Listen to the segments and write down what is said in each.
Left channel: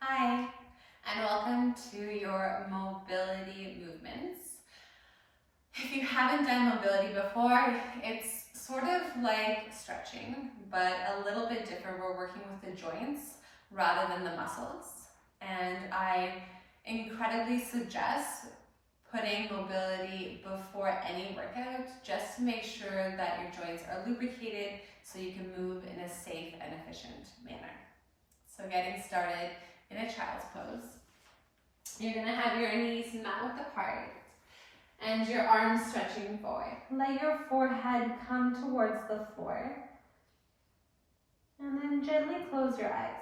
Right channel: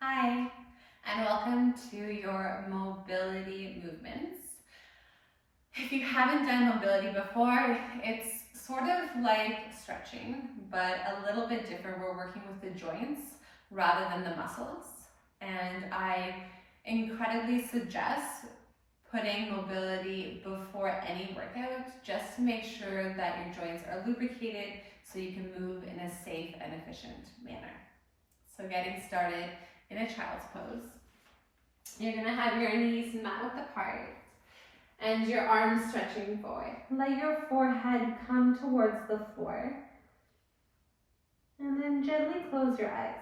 Hi, and welcome to your mobility movements. If you haven't done mobility before, it's sort of like stretching, but a little bit different. We're working with the joints rather than the muscles. And I incredibly suggest putting mobility before any workout just to make sure that your joints are lubricated so you can move in a safe and efficient manner. So getting started in a child's pose. You're gonna have your knees mat width apart and your arms stretching forward. Let your forehead come towards the floor. And then gently close your eyes.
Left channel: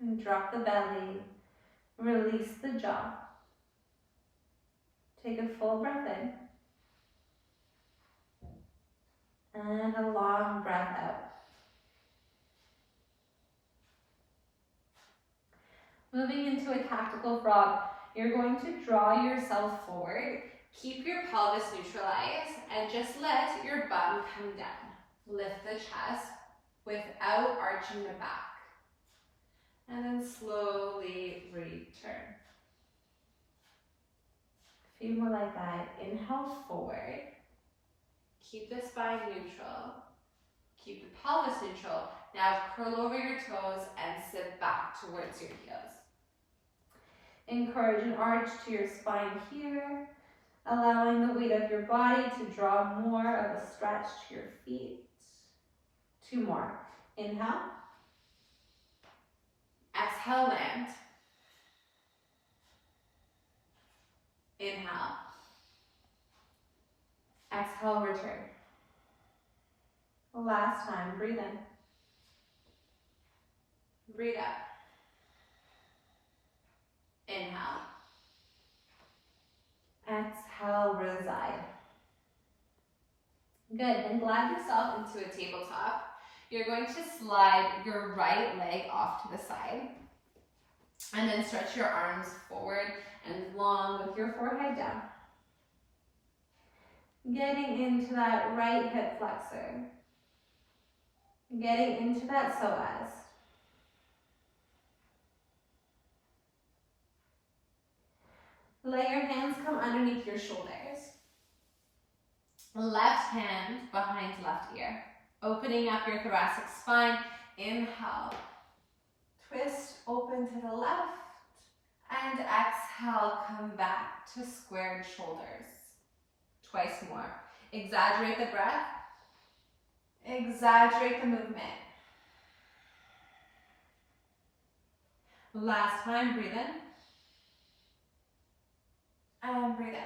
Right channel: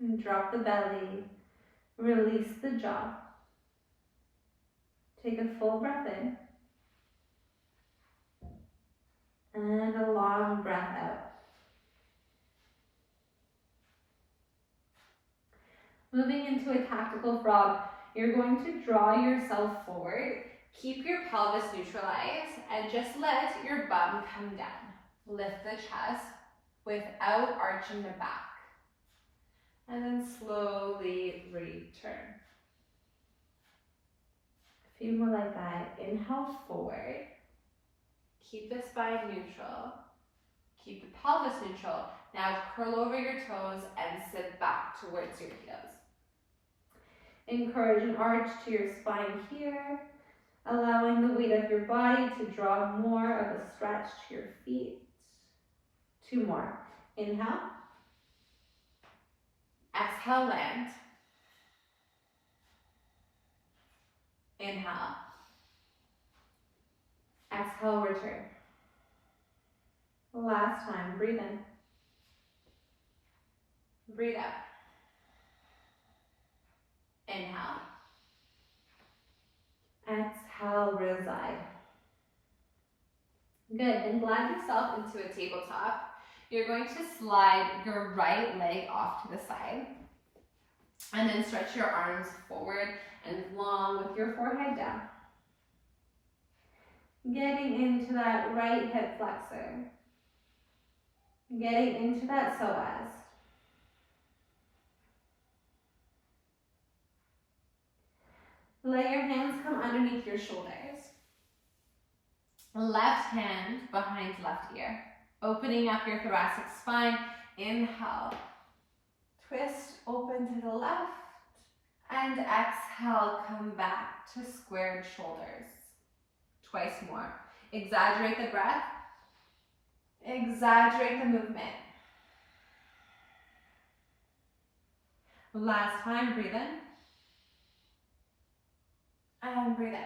And drop the belly, release the jaw. Take a full breath in. And a long breath out. Moving into a tactical frog, you're going to draw yourself forward. Keep your pelvis neutralized and just let your bum come down. Lift the chest without arching the back. And then slowly return. A few more like that. Inhale forward. Keep the spine neutral. Keep the pelvis neutral. Now curl over your toes and sit back towards your heels. Encourage an arch to your spine here, allowing the weight of your body to draw more of a stretch to your feet. 2 more. Inhale. Exhale, land. Inhale. Exhale, return. Last time, breathe in. Breathe out. Inhale. Exhale, reside. Good, then glide yourself into a tabletop. You're going to slide your right leg off to the side. And then stretch your arms forward and long with your forehead down. Getting into that right hip flexor. Getting into that psoas. Let your hands come underneath your shoulders. Left hand behind left ear. Opening up your thoracic spine. Inhale. Twist open to the left. And exhale, come back to squared shoulders. Twice more. Exaggerate the breath. Exaggerate the movement. Last time, breathe in. And breathe out.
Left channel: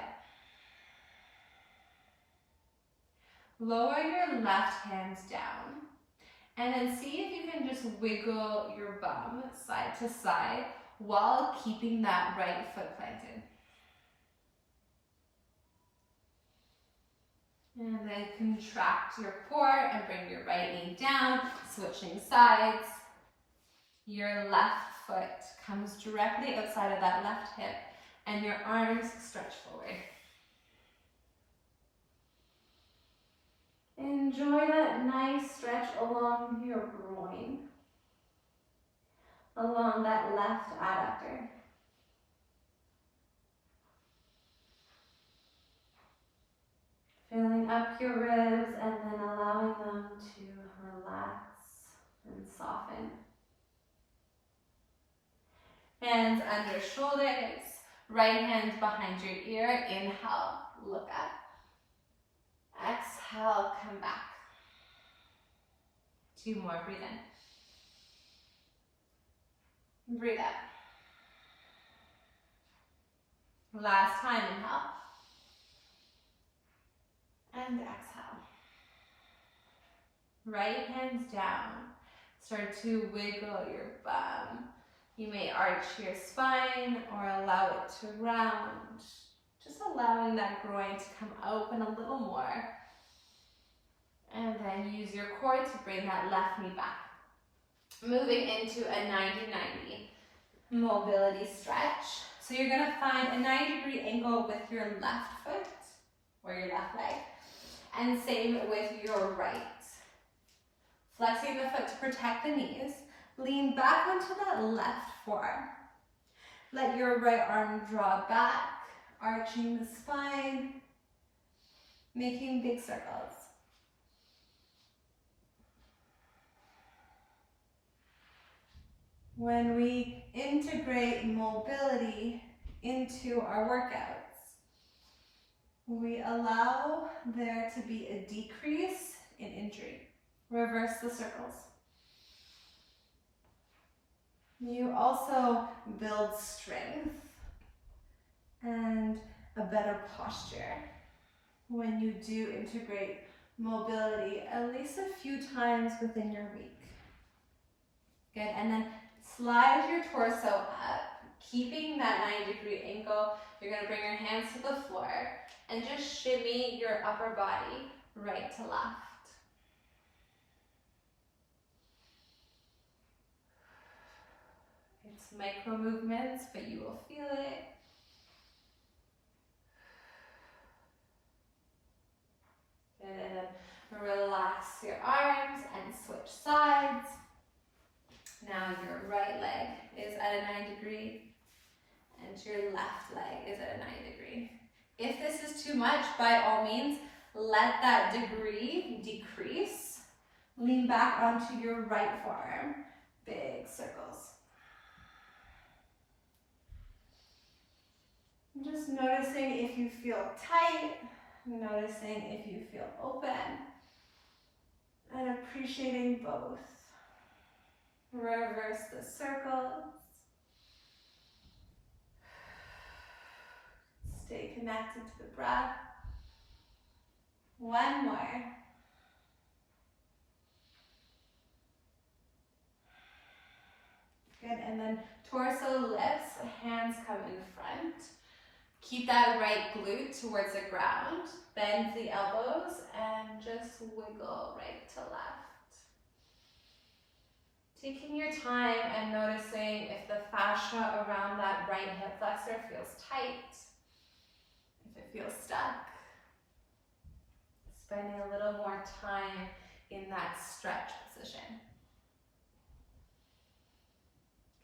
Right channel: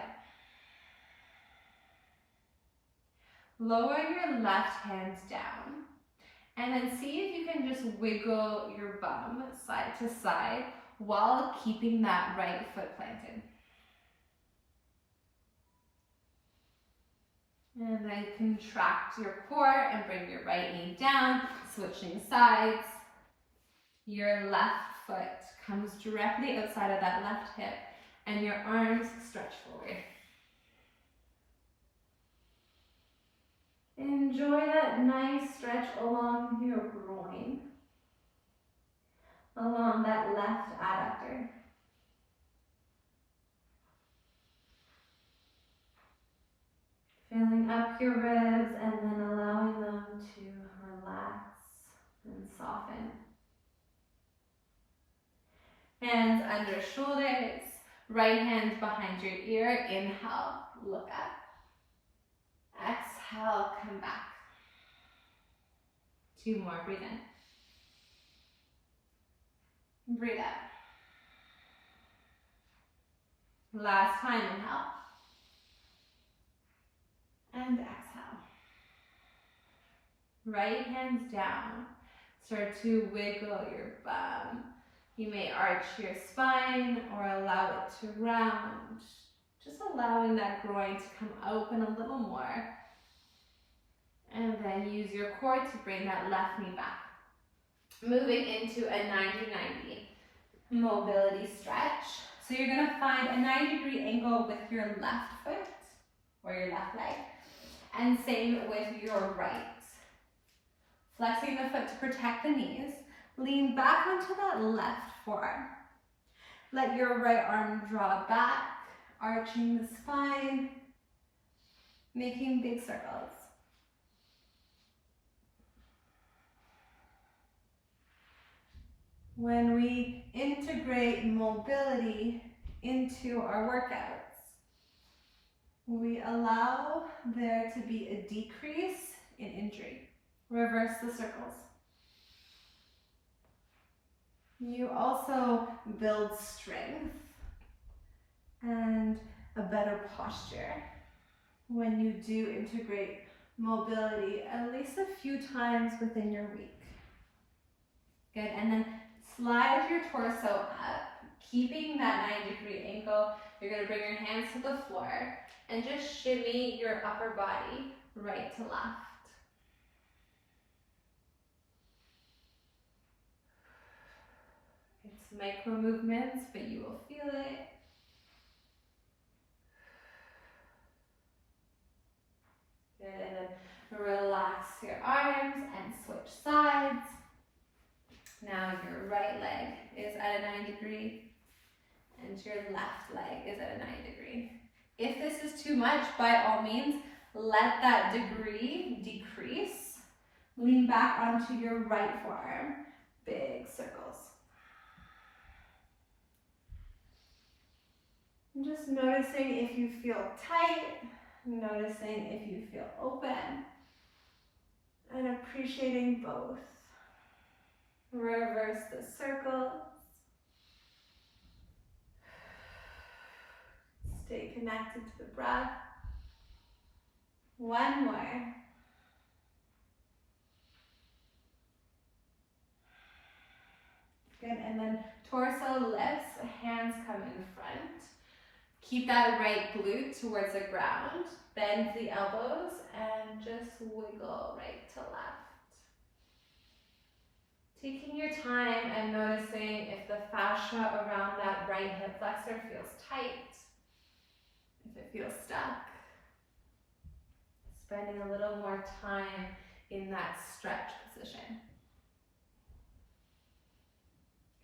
Lower your left hand down. And then see if you can just wiggle your bum side to side while keeping that right foot planted. And then contract your core and bring your right knee down, switching sides. Your left foot comes directly outside of that left hip and your arms stretch forward. Enjoy that nice stretch along your groin, along that left adductor. Filling up your ribs and then allowing them to relax and soften. Hands under shoulders, right hand behind your ear. Inhale, look up. Exhale, come back. 2 more, breathe in. Breathe out. Last time, inhale. And exhale. Right hands down. Start to wiggle your bum. You may arch your spine or allow it to round. Just allowing that groin to come open a little more. And then use your core to bring that left knee back. Moving into a 90-90 mobility stretch. So you're gonna find a 90-degree angle with your left foot or your left leg. And same with your right. Flexing the foot to protect the knees, Lean back onto that left forearm. Let your right arm draw back, arching the spine, making big circles. When we integrate mobility into our workouts, we allow there to be a decrease in injury. Reverse the circles. You also build strength and a better posture when you do integrate mobility at least a few times within your week. Good, and then slide your torso up, keeping that 90-degree angle. You're gonna bring your hands to the floor and just shimmy your upper body right to left. It's micro movements, but you will feel it. Good, and then relax your arms and switch sides. Now your right leg is at a 90 degree and your left leg is at a 90 degree. If this is too much, by all means, let that degree decrease. Lean back onto your right forearm, big circles. And just noticing if you feel tight, noticing if you feel open, and appreciating both. Reverse the circles. Stay connected to the breath. One more. Good, and then torso lifts, hands come in front. Keep that right glute towards the ground. Bend the elbows and just wiggle right to left. Taking your time and noticing if the fascia around that right hip flexor feels tight, if it feels stuck. Spending a little more time in that stretch position.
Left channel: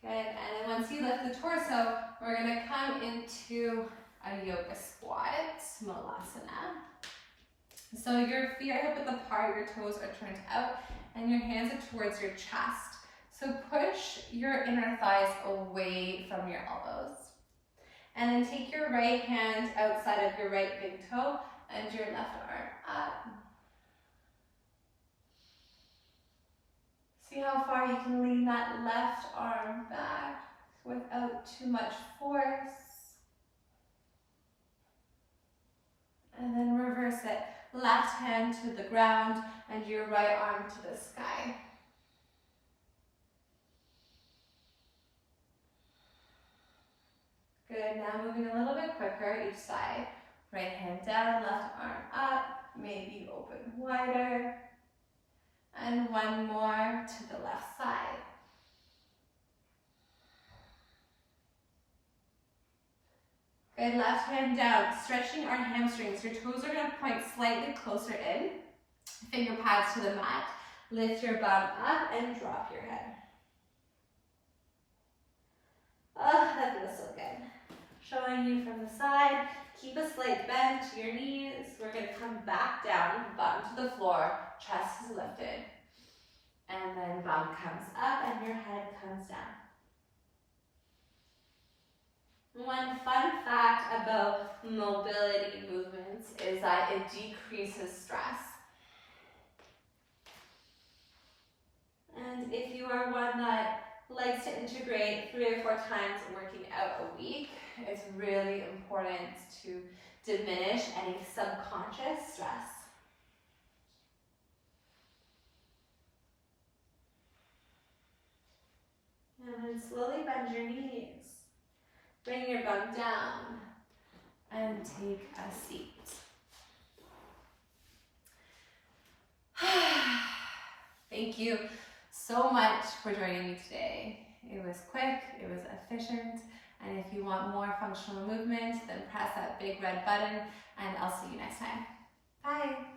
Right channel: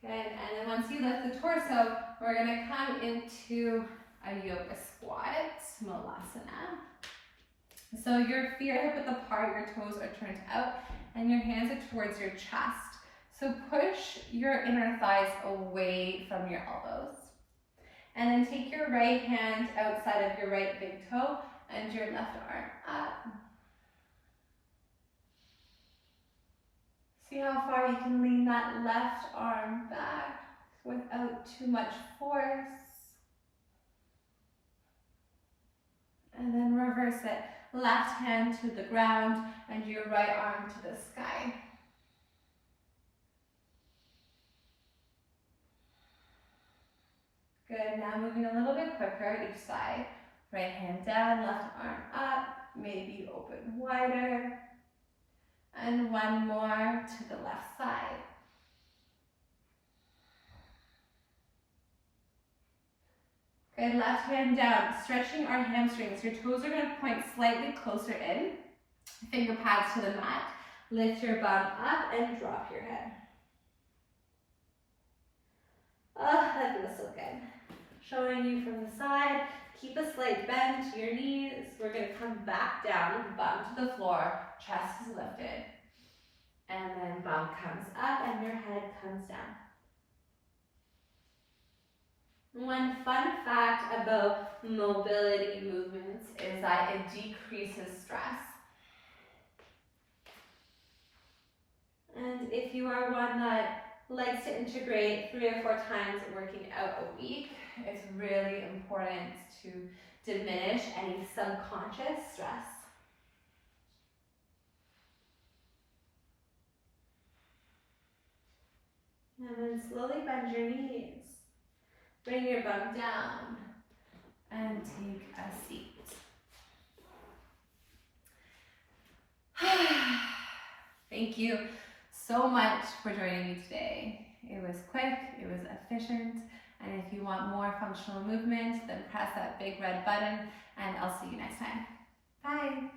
Good, and then once you lift the torso, we're gonna come into a yoga squat, Smalasana. So your feet are hip width apart, your toes are turned out, and your hands are towards your chest. So push your inner thighs away from your elbows. And then take your right hand outside of your right big toe and your left arm up. See how far you can lean that left arm back without too much force. And then reverse it. Left hand to the ground and your right arm to the sky. Good, now moving a little bit quicker each side. Right hand down, left arm up, maybe open wider. And one more to the left side. Good, left hand down, stretching our hamstrings. Your toes are gonna point slightly closer in. Finger pads to the mat. Lift your bum up and drop your head. Oh, that feels so good. Showing you from the side. Keep a slight bend to your knees. We're gonna come back down, bottom to the floor, chest is lifted. And then bum comes up and your head comes down. One fun fact about mobility movements is that it decreases stress. And if you are one that likes to integrate 3 or 4 times working out a week, it's really important to diminish any subconscious stress. And then slowly bend your knees. Bring your bum down and take a seat. Thank you so much for joining me today. It was quick, it was efficient, and if you want more functional movement, then press that big red button, and I'll see you next time. Bye.